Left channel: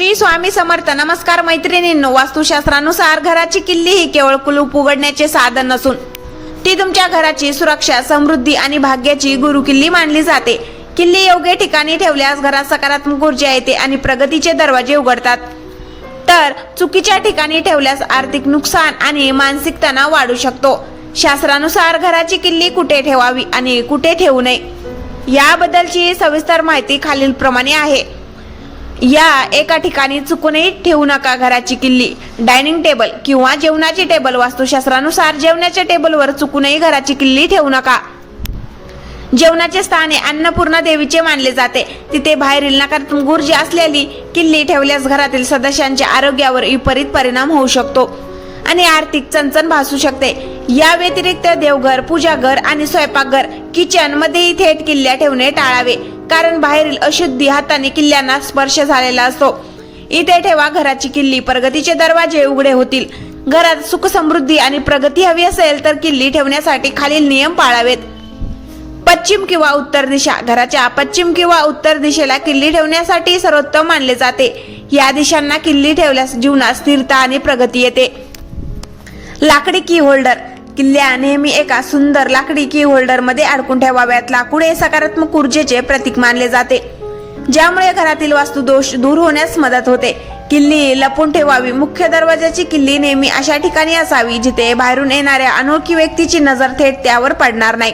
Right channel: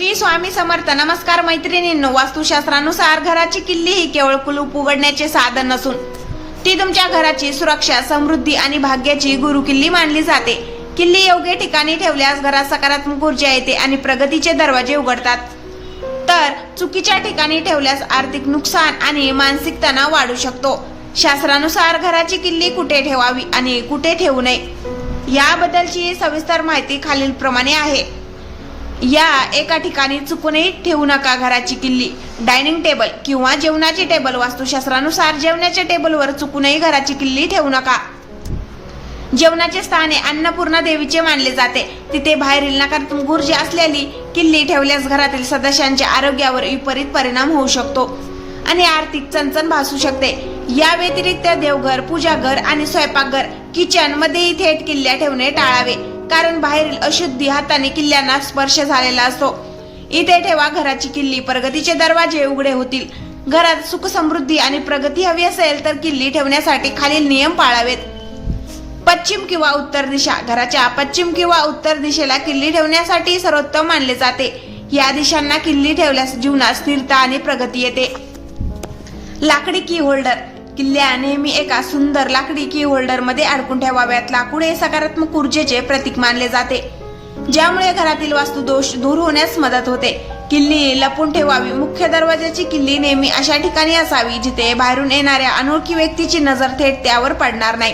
श्री स्वामी समर्थ. नमस्कार मैत्रिणींनो, वास्तुशास्त्रानुसार घराची किल्ली ही केवळ कुलूप उघडण्याचे साधन नसून ती तुमच्या घराची सुरक्षा, समृद्धी आणि भाग्याची गुरुकिल्ली मानली जाते. किल्ली योग्य ठिकाणी ठेवल्यास घरात सकारात्मक ऊर्जा येते आणि प्रगतीचे दरवाजे उघडतात, तर चुकीच्या ठिकाणी ठेवल्यास आर्थिक नुकसान आणि मानसिक तणाव वाढू शकतो. शास्त्रानुसार घराची किल्ली कुठे ठेवावी आणि कुठे ठेवू नये याबद्दलची सविस्तर माहिती खालील प्रमाणे आहे. या एका ठिकाणी चुकूनही ठेवू नका घराची किल्ली. डायनिंग टेबल किंवा जेवणाची टेबल. वास्तुशास्त्रानुसार जेवणाच्या टेबलवर चुकूनही घराची किल्ली ठेवू नका. जेवणाचे स्थान हे अन्नपूर्णा देवीचे मानले जाते. तिथे बाहेरील नकारात्मक ऊर्जा असलेली किल्ली ठेवल्यास घरातील सदस्यांच्या आरोग्यावर विपरीत परिणाम होऊ शकतो आणि आर्थिक चणचण भासू शकते. या व्यतिरिक्त देवघर, पूजाघर आणि स्वयंपाकघर, किचन मध्येही थेट किल्ल्या ठेवणे टाळावे, कारण बाहेरील अशुद्धी हाताने किल्ल्यांना स्पर्श झालेला असतो. इथे ठेवा घराची किल्ली, प्रगतीचे दरवाजे उघडे होतील. घरात सुख, समृद्धी आणि प्रगती हवी असेल तर किल्ली ठेवण्यासाठी खालील नियम पाळावेत. पश्चिम किंवा उत्तर दिशा. घराच्या पश्चिम किंवा उत्तर दिशेला किल्ली ठेवण्यासाठी सर्वोत्तम मानले जाते. या दिशांना किल्ली ठेवल्यास जीवनात स्थिरता आणि प्रगती येते. लाकडी की होल्डर. किल्ल्या नेहमी एका सुंदर लाकडी की होल्डर मध्ये अडकून ठेवाव्यात. लाकूड हे सकारात्मक ऊर्जेचे प्रतीक मानले जाते, ज्यामुळे घरातील वास्तुदोष दूर होण्यास मदत होते. किल्ली लपून ठेवावी. मुख्य दरवाजाची किल्ली नेहमी अशा ठिकाणी असावी जिथे बाहेरून येणाऱ्या अनोळखी व्यक्तीची नजर थेट त्यावर पडणार नाही.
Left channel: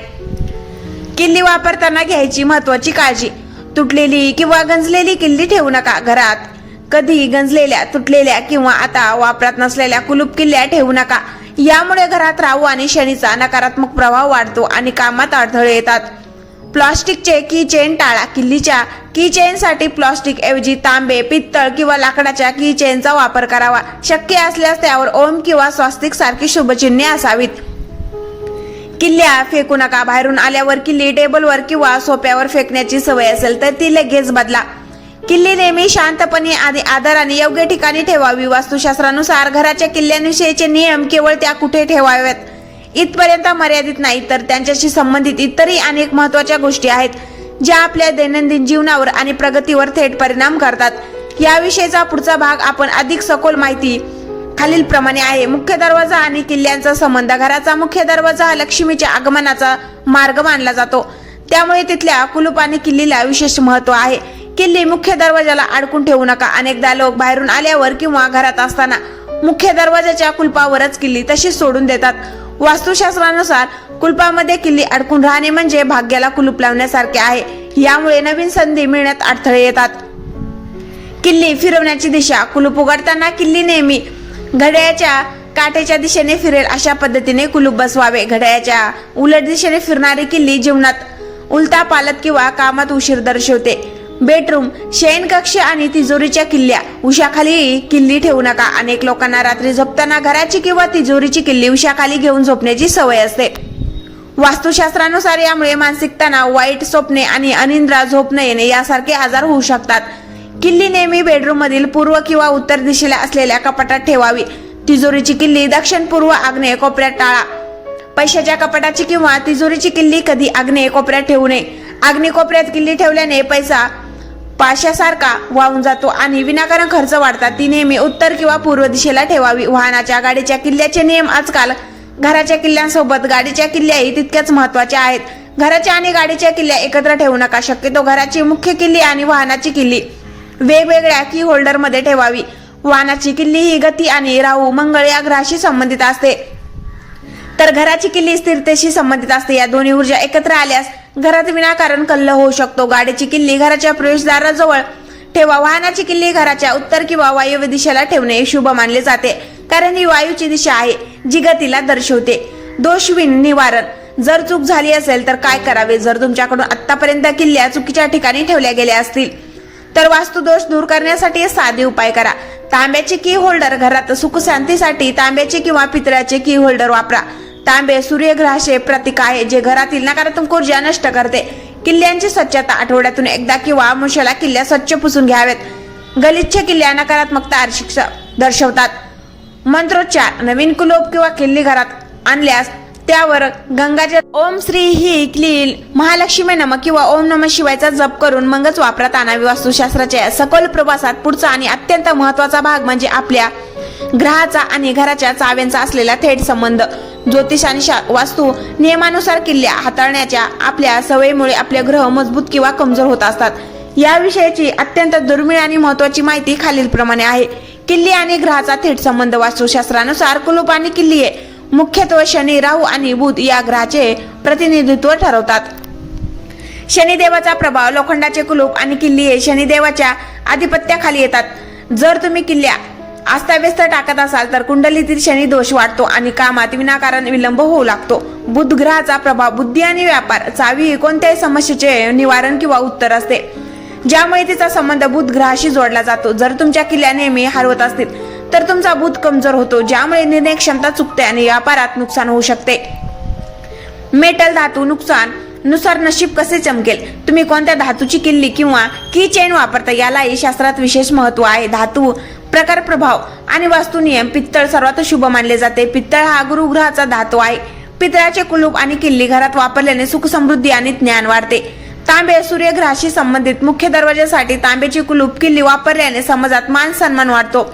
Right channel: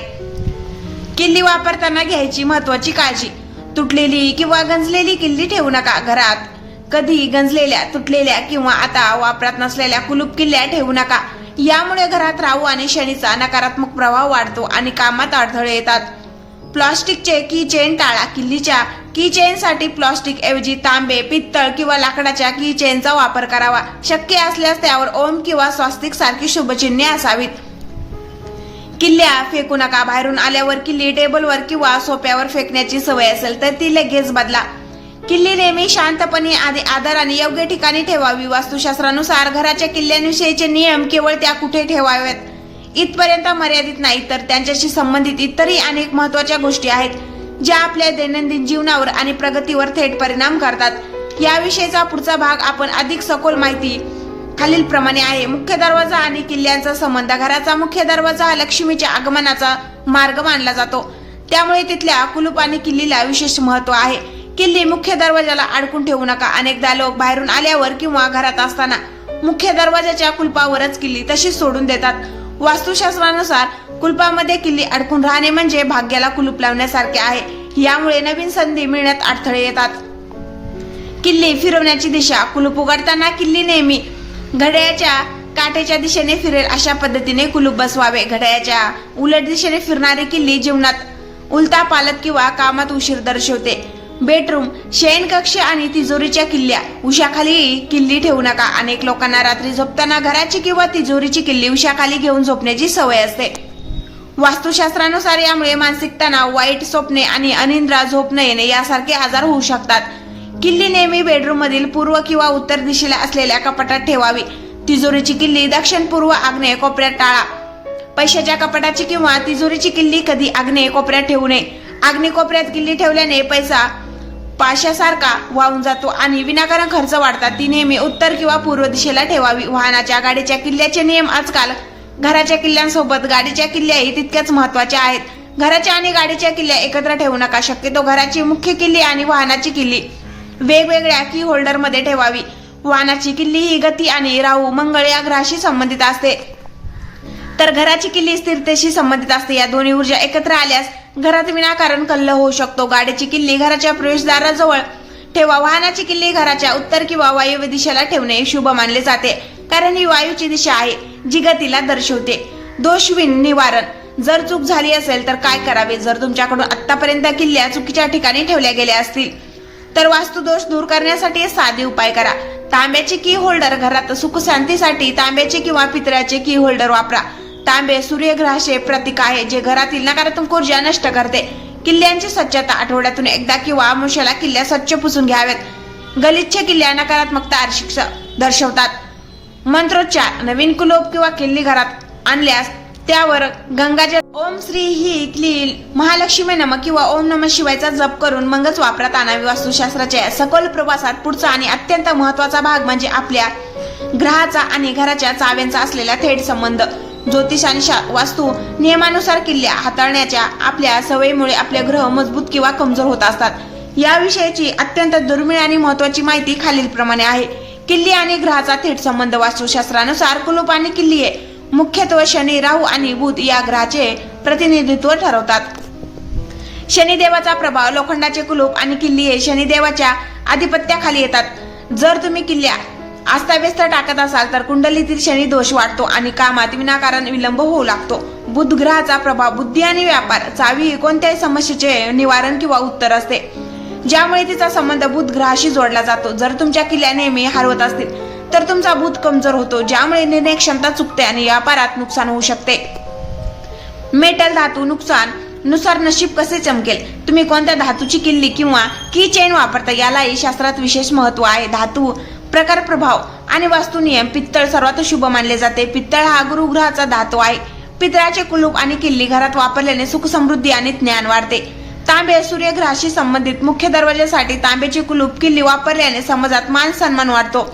किल्ली वापरताना घ्यायची महत्वाची काळजी. तुटलेली किंवा गंजलेली किल्ली ठेवू नका. घरात कधी गंजलेल्या, तुटलेल्या किंवा आता वापरात नसलेल्या कुलूप किल्ल्या ठेवू नका. यामुळे घरात राहू आणि शनीचा नकारात्मक प्रभाव वाढतो आणि कामात अडथळे येतात. प्लास्टिकचे की चेन टाळा. किल्लीच्या की चेन साठी प्लास्टिक ऐवजी तांबे, पित्तळ किंवा लाकडाच्या की चेनचा वापर करावा. शक्य असल्यास त्यावर ओम किंवा स्वास्तिक सारखी शुभचिन्हे असावीत. किल्ल्या फेकू नका. बाहेरून आल्यावर किल्ली टेबलवर किंवा सोफ्यावर फेकण्याची सवय असेल तर ती लगेच बदला. किल्ली नेहमी शांतपणे आणि आदराने योग्य ठिकाणी ठेवावी. वास्तुशास्त्रानुसार घराच्या किल्ल्यांविषयीचे नियम केवळ त्या कुठे ठेवाव्यात इथपर्यंत मर्यादित नाही, तर त्यांच्याशी संबंधित इतरही अनेक महत्वाच्या गोष्टी आहेत ज्या आपल्या दैनंदिन जीवनावर आणि प्रगतीवर थेट परिणाम करतात. याविषयीचा पुढचा भाग आपण अधिक सखोल माहिती खालील प्रमाणे आहे. मुख्य दरवाजा आणि किल्ल्यांचा संबंध. घराचा मुख्य दरवाजा हा लक्ष्मीच्या आगमनाचा मार्ग मानला जातो, त्यामुळे तिथल्या कुलूप आणि किल्लीला विशेष महत्व आहे. किल्ली मुख्य दरवाजाला अडकून ठेवू नका. अनेकदा लोक बाहेरून आल्यावर किंवा घरात असताना मुख्य दरवाजाच्या कुलपावरच किल्ली तशीच सोडून देतात. वास्तुशास्त्रानुसार कुलपामध्ये किल्ली अडकून राहणे म्हणजे भाग्याला कुलूप लावण्यासारखे आहे. यामुळे नवीन संधी मिळण्यात अडथळे येतात. किल्ली फिरवण्याची दिशा. कुलूप उघडताना किल्ली नेहमी घड्याळाच्या काठेच्या दिशेने फिरेल अशा पद्धतीने कुलूप बसवावे. घड्याळाच्या उलट दिशेने फिरणारी किल्ली जीवनात उलटा पालत किंवा कामात उशीर दर्शवते. बेडरूम, शयनकक्ष आणि तिजोरीच्या किल्ल्या. उशाखाली किल्ली ठेवू नका. अनेक लोकांना रात्री झोपताना घराची किंवा तिजोरीची किल्ली उशाखाली घेऊन झोपण्याची सवय असते. वास्तुशास्त्रानुसार यामुळे मानसिक तणाव, वाईट स्वप्ने आणि अनिद्रा, झोप न येणे यासारखे आजार होऊ शकतात. किल्ली नेहमी बेडरूम मधील पूर्व किंवा उत्तर दिशेला असलेल्या कपाटात ठेवावी. तिजोरीची किल्ली दक्षिण, पूर्व, आग्नेय कोपऱ्यात टाळा. पैशाच्या कपाटाची किंवा तिजोरीची किल्ली कधी आग्नेय कोपऱ्यात ठेवू नये. आग्नेय कोपऱ्यात किल्ली ठेवल्याने पैसा पाशासारखा वाहून जातो आणि विनाकारण खर्च वाढतात. ती नेहमी उत्तर किंवा पूर्व दिशेला ठेवावी. वाहनाच्या, गाडीच्या किल्ल्याचे नियम. आजकाल घराच्या किल्ल्यांसोबत गाडीच्या किल्ल्याही तितक्याच महत्वाच्या आहेत. घराच्या आणि गाडीच्या किल्ल्या एकत्र ठेवू नका. शक्यतो घराची मुख्य किल्ली आणि वाहनाची किल्ली वेगवेगळ्या की होल्डर मध्ये ठेवावी. वाहनाची किल्ली ही गती आणि राहू, मंगळ या ग्रहाशी संबंधित असते, तर घराची किल्ली स्थिरतेशी संबंधित असते. या दोन्ही ऊर्जा एकत्र आल्यास घरात विनाकारण कल्लोळ होऊ शकतो. गाडीची किल्ली घराच्या प्रवेशद्वाराजवळ ठेवा. वाहनाची किल्ली घराच्या उत्तर किंवा वायव्य दिशेला ठेवणे शुभ मानले जाते, कारण ही वायूची दिशा आहे जी गतीला दर्शवते. दोष निवारण. जर चूक झाली असेल तर काय करावे? जर तुमच्याकडून आतापर्यंत किल्ल्या चुकीच्या ठिकाणी ठेवल्या गेल्या असतील तर वास्तुदोष दूर करण्यासाठी साधे उपाय करा. तांब्याचे की होल्डर. घरात सुख शांतीसाठी तांब्याचे किंवा पितळाचे की होल्डर वापरा. तांबे सूर्यग्रहाचे प्रतीक आहे, जे घरातील नकारात्मक ऊर्जा नष्ट करते. किल्ल्यांची स्वच्छता. आठवड्यातून एकदा किंवा अमावास्येला किल्ल्या स्वच्छ पुसून घ्याव्यात. गलिच्छ किल्ल्या नकारात्मकता दर्शवतात. मंत्रोच्चार. नवीन कुलूप किंवा किल्ली घरात आणल्यास त्यावर गंगाजल ओम श्री ही क्लील महालक्ष्मी नमः किंवा ओम नमः शिवायचा जप करून मगच वापरात आणावी. वास्तुशास्त्राच्या सखोल प्रवासात पुढचा आणि अत्यंत महत्वाचा भाग म्हणजे आपल्या ग्रहाचा आणि घराच्या चाव्यांचा असलेला थेट संबंध. ज्योतिष आणि वास्तू नियमानुसार किल्ल्या हाताळण्याच्या आपल्या सवयीमुळे आपले ग्रह मजबूत किंवा कमजोर होत असतात. याविषयीची अत्यंत दुर्मिळ आणि महत्वाची माहिती खालीलप्रमाणे आहे. किल्ली आणि ग्रहाचा थेट संबंध. वास्तुशास्त्रानुसार कुलूप आणि किल्ली मुख्यत्वे शनी, राहू आणि बुध या ग्रहाचे प्रतिनिधित्व ठरवतात. शनिदेवाचा प्रभाव. लोखंडाचे कुलूप आणि किल्ली हे शनिदेवाच्या आधिपत्याखाली येतात. जर तुम्ही किल्ल्या अस्ताव्यस्त टाकत असाल तर कुंडलीतील शनी दोष वाढतो आणि कामात विनाकारण विलंब होऊ लागतो. बुध ग्रहाचा प्रभाव. बुद्धी आणि व्यापार. चावी ही कोणत्याही समस्येचे निवारण किंवा उत्तर असते, ज्यामुळे तिचा संबंध बुध ग्रहाशी जोडला जातो. जर तुमच्या किल्ल्या नेहमी हरवत असतील तर तुमचा बुध कमजोर होतो, ज्यामुळे निर्णय क्षमता चुकते आणि व्यापारात नुकसान होऊ शकते. मेटल धातू. नुकसान नुसार नशीब कसे चमकेल. तुम्ही कोणत्या धातूची किल्ली किंवा की चेन वापरता यालाही शास्त्रात विशेष महत्व आहे. धातू प्रकार, प्रभाव आणि वास्तू नियम. पित्तळ सर्वात शुभ मानले जाते. पित्तळ हा गुरुग्रहाचा धातू आहे. पितळाचे कुलूप आणि किल्ली घरात वापरल्याने सुख, समृद्धी आणि ज्ञान वाढते. तांबे सूर्यग्रहाशी संबंधित. मुख्य दरवाजासाठी तांब्याचे कुलूप, किल्ली वापरल्याने समाजात मान सन्मान वाढतो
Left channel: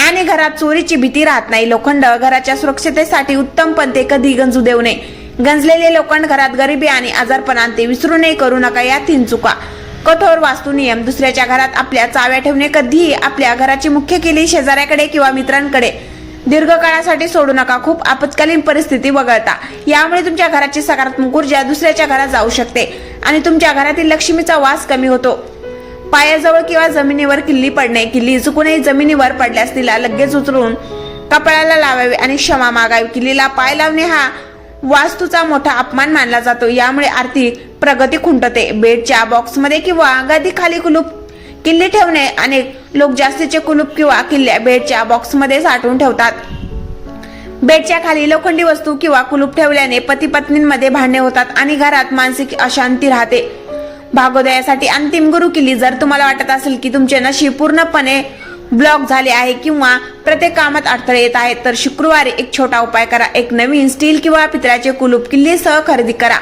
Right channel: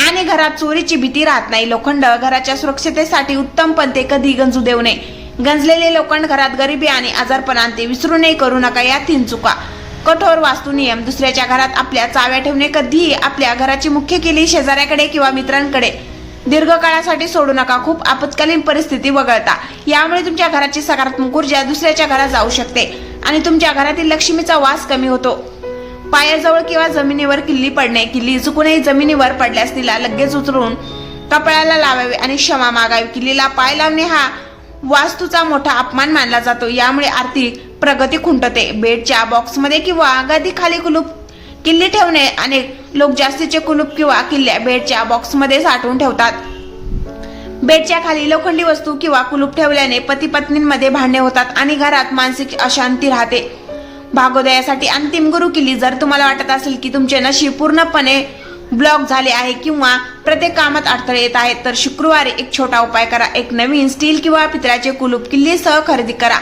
आणि घरात चोरीची भीती राहत नाही. लोखंड घराच्या सुरक्षिततेसाठी उत्तम, पण ते कधी गंजू देऊ नये. गंजलेले लोखंड घरात गरिबी आणि आजारपण आणते. विसरू नये, करू नका या 3 चुका. कठोर वास्तू नियम. दुसऱ्याच्या घरात आपल्या चाव्या ठेवणे. कधीही आपल्या घराची मुख्य किल्ली शेजाऱ्याकडे किंवा मित्रांकडे दीर्घकाळासाठी सोडू नका. खूप आपत्कालीन परिस्थिती वगळता. यामुळे तुमच्या घराची सकारात्मक ऊर्जा दुसऱ्याच्या घरात जाऊ शकते आणि तुमच्या घरातील लक्ष्मीचा वास कमी होतो. पायाजवळ किंवा जमिनीवर किल्ली पडणे. किल्ली चुकूनही जमिनीवर पडल्यास तिला लगेच उचलून कपाळाला लावावी आणि क्षमा मागावी. किल्लीला पाय लावणे हा वास्तूचा मोठा अपमान मानला जातो. यामुळे आर्थिक प्रगती खुंटते. बेडच्या बॉक्समध्ये किंवा गादीखाली किल्ली ठेवणे. अनेक लोक जास्तीचे कुलूप किंवा किल्ल्या बेडच्या बॉक्समध्ये साठवून ठेवतात. बेडच्या खाली लोखंडी वस्तू किंवा कुलूप ठेवल्याने पती पत्नींमध्ये भांडणे होतात आणि घरात मानसिक अशांती राहते. भागोदयासाठी अंतिम गुरु किल्ली. जर तुम्हाला वाटत असेल की तुमचे नशीब पूर्णपणे ब्लॉक झाले आहे किंवा प्रत्येक कामात अडथळे येत आहेत तर शुक्रवारी एक छोटा उपाय करा. एक नवीन स्टील किंवा पितळाचे कुलूप किल्लीसह खरेदी करा.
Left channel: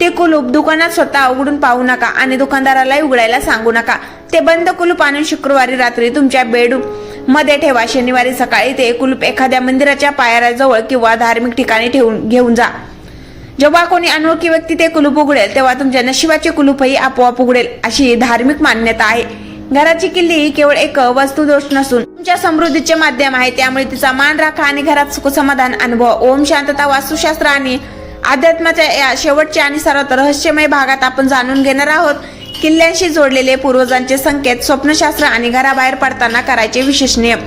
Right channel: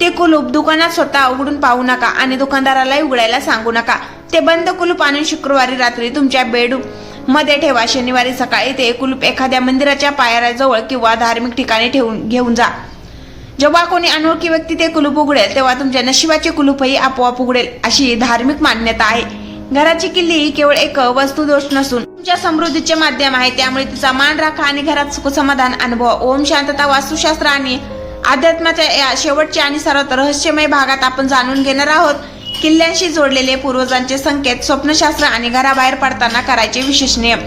ते कुलूप दुकानात स्वतः उघडून पाहू नका आणि दुकानदाराला उघडायला सांगू नका. ते बंद कुलूप आणून शुक्रवारी रात्री तुमच्या बेडरूम मध्ये ठेवा. शनिवारी सकाळी ते कुलूप एखाद्या मंदिराच्या पायऱ्याजवळ किंवा धार्मिक ठिकाणी घेऊन जा. जेव्हा कोणी अनोळखी व्यक्ती ते कुलूप उघडेल तेव्हा तुमच्या नशिबाचे कुलूपही आपोआप उघडेल, अशी धार्मिक मान्यता आहे. घराची किल्ली ही केवळ एक वस्तुदोष नसून तुमच्या समृद्धीचे माध्यम आहे. त्यामुळे तिचा मान राखा आणि घरात सुखसमाधान अनुभव. ओम शांतता. वास्तुशास्त्र आणि अध्यात्माच्या या शेवटच्या आणि सर्वात रहस्यमय भागात आपण जाणून घेणार आहोत किल्ल्यांशी जोडलेले पूर्वजांचे संकेत, स्वप्नशास्त्र आणि घराबाहेर पडताना करायचे विशेष नियम.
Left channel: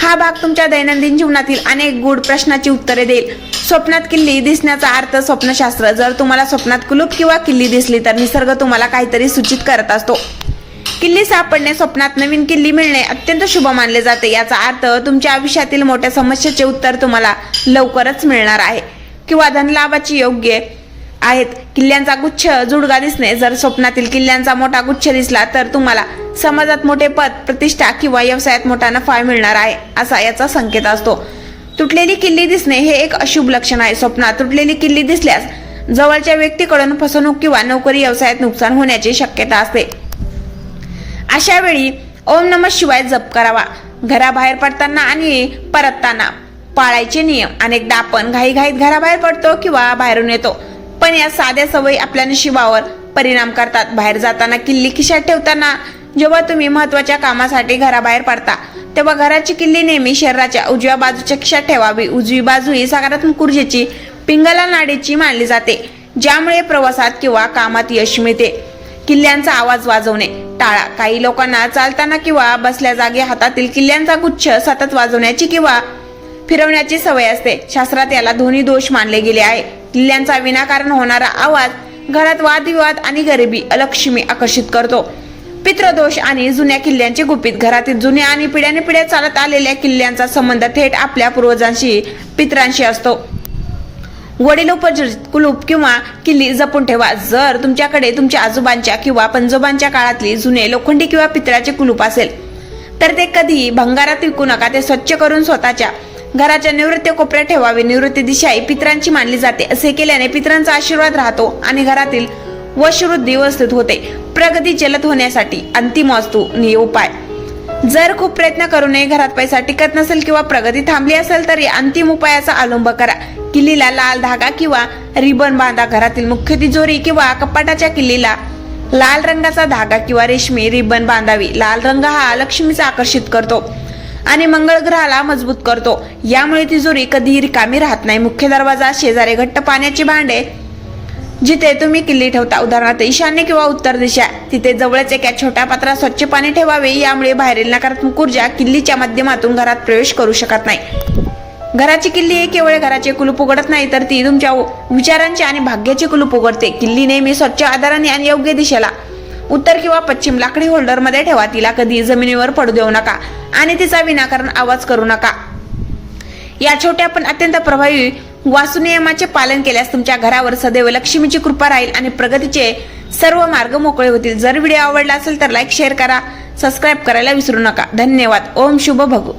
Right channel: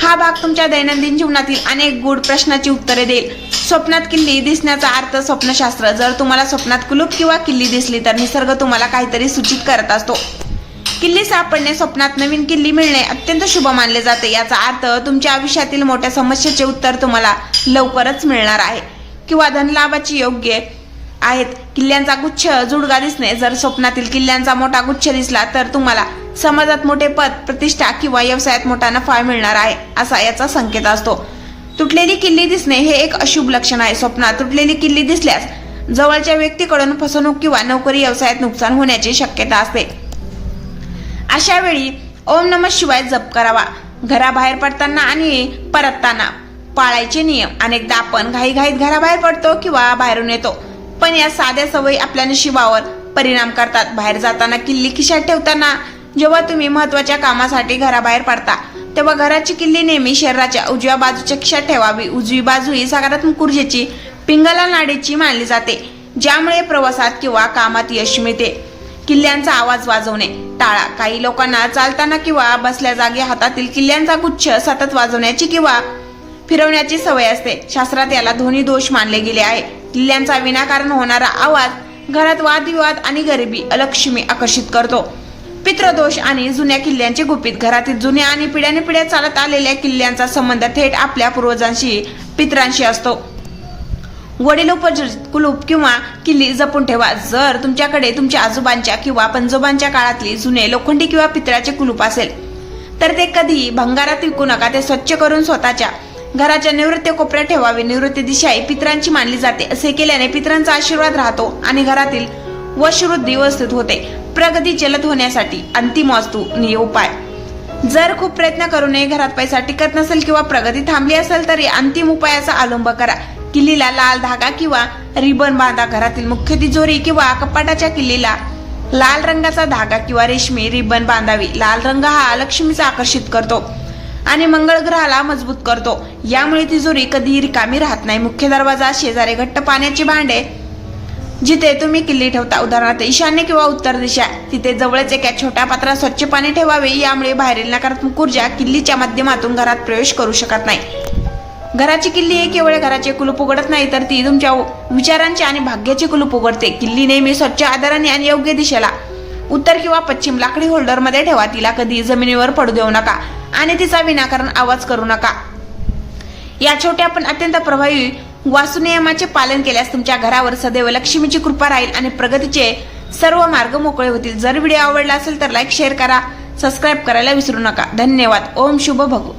हा भाग तुमच्या दैनंदिन जीवनातील अनेक गूढ प्रश्नांची उत्तरे देईल. स्वप्नात किल्ली दिसण्याचा अर्थ. स्वप्नशास्त्र. जर तुम्हाला स्वप्नात कुलूप किंवा किल्ली दिसली तर निसर्ग तुम्हाला काहीतरी सूचित करत असतो. किल्ली सापडणे. स्वप्नात नवीन किल्ली मिळणे अत्यंत शुभ मानले जाते. याचा अर्थ तुमच्या आयुष्यातील मोठ्या समस्येचे उत्तर तुम्हाला लवकरच मिळणार आहे किंवा धनलाभाची योग्य आहेत. किल्ल्यांचा गुच्छ जुडगा दिसणे. जर स्वप्नातील किल्ल्यांचा मोठा गुच्छ दिसला तर तुम्हाला समाजात मोठे पद, प्रतिष्ठा किंवा व्यवसायात मोठा नफा मिळणार आहे, असा याचा संकेत असतो. तुटलेली किल्ली दिसणे हे एक अशुभ लक्षण आहे. स्वप्नात तुटलेली किल्ली दिसल्यास जवळच्या व्यक्तीकडून फसवणूक किंवा नोकरी व्यवसायात नुकसान होण्याची शक्यता असते. अशा वेळी ओम नमः शिवाय जप करावा. घराबाहेर पडताना आणि परतताना पाळायचे नियम. अनेकदा आपण घाईघाईत घराबाहेर पडतो किंवा बाहेरून येतो, पण या साध्या सवयी आपल्या नशिबावर परिणाम करतात. बाहेर जाताना किल्ली खिशात ठेवताना. जेव्हा तुम्ही महत्वाच्या कामासाठी घराबाहेर पडता तेव्हा घराची किल्ली नेहमी शरीराच्या उजव्या बाजूच्या खिशात ठेवावी. उजवी बाजू ही सकारात्मक ऊर्जेची पिंगला नाडीची मानली जाते, ज्यामुळे प्रवासात किंवा कामात यश मिळते. किल्ल्यांचा आवाज वाजवणे टाळा. काही लोकांना चालताना किंवा बसल्या जागी हातातील किल्ल्यांचा गुच्छ सतत वाजवण्याची किंवा फिरवण्याची सवय असते. शास्त्रात याला ध्वनी दोष मानले गेले आहे. किल्ल्यांचा विनाकारण होणारा आवाज घरात वादविवाद आणि गरिबी, अलक्ष्मी आकर्षित करतो. पितृदोष आणि जुन्या किल्ल्यांचे गुपित. घरातील जुन्या आणि पिढ्यानपिढ्या चालत आलेल्या किल्ल्यांचा संबंध थेट आपल्या पूर्वजांशी, पितरांशी असतो. वडिलोपजीत कुलूप किंवा किल्ली जपून ठेवा. जर तुमच्याकडे तुमच्या आजोबांच्या किंवा पणजोबांच्या काळातली जुने लोखंडी किंवा पितळाचे कुलूप असेल तर ते कधी भंगारात विकू नका. ते स्वच्छ करून स्वतःच्या घराच्या निवृत्ती कोपऱ्यात ठेवावे. निवृत्ती दिशा ही पितरांची मानली जाते. असे केल्याने पितरांचा आशीर्वाद राहतो आणि घरातील वशवृद्धी व्यवस्थित होते. प्रगती जलद होण्यासाठी अंतिम वास्तू उपाय. जर खूप प्रयत्न करूनही घरात पैसा टिकत नसेल किंवा प्रगती थांबली असेल तर या अंतिम उपायाचा अवलंब करा. किल्लीला लाल धागा किंवा रिबन बांधा. घरातील मुख्य तिजोरी किंवा कपाटाच्या किल्लीला लाल रंगाचा धागा किंवा रेशमी रिबन बांधावी. लाल रंग हा लक्ष्मीचा आकर्षित करतो आणि मंगळ ग्रहाला मजबूत करतो. यामुळे तिजोरी कधीही रिकामी राहत नाही. मुख्य दरवाजा शेजारी घट्ट पाण्याची भांडे जिथे तुम्ही किल्ली ठेवता, उदाहरणार्थ ईशान्य किंवा उत्तर दिशा, तिथे जवळच एका छोट्या पात्रात स्वच्छ पाणी ठेवावे. यामुळे बाहेरील नकारात्मक ऊर्जा किल्लीच्या माध्यमातून घरात प्रवेश करू शकत नाही. घराची किल्ली हे केवळ घराचे कुलूप उघडत नाही तर ती तुमच्या विचारांचे आणि भाग्याचे कुलूप उघडते. किल्ली नेहमी स्वच्छ आधाराने आणि योग्य दिशेला उत्तर किंवा पश्चिम लाकडी होल्डर मध्ये ठेवा. तिला कधी जमिनीवर पडू देऊ नका आणि तिचा विनाकारण आवाज करू नका. या छोट्या पण अत्यंत प्रभावी वास्तुनियमाचे पालन केल्यास तुमच्या घरावर सदैव लक्ष्मीची कृपा राहील आणि प्रगतीचे सर्व मार्ग मोकळे होतील. जर व्हिडिओ आवडला असेल तर लाईक, शेअर करा, सबस्क्राईब करायला विसरू नका. धन्यवाद. ओम शुभ भगू.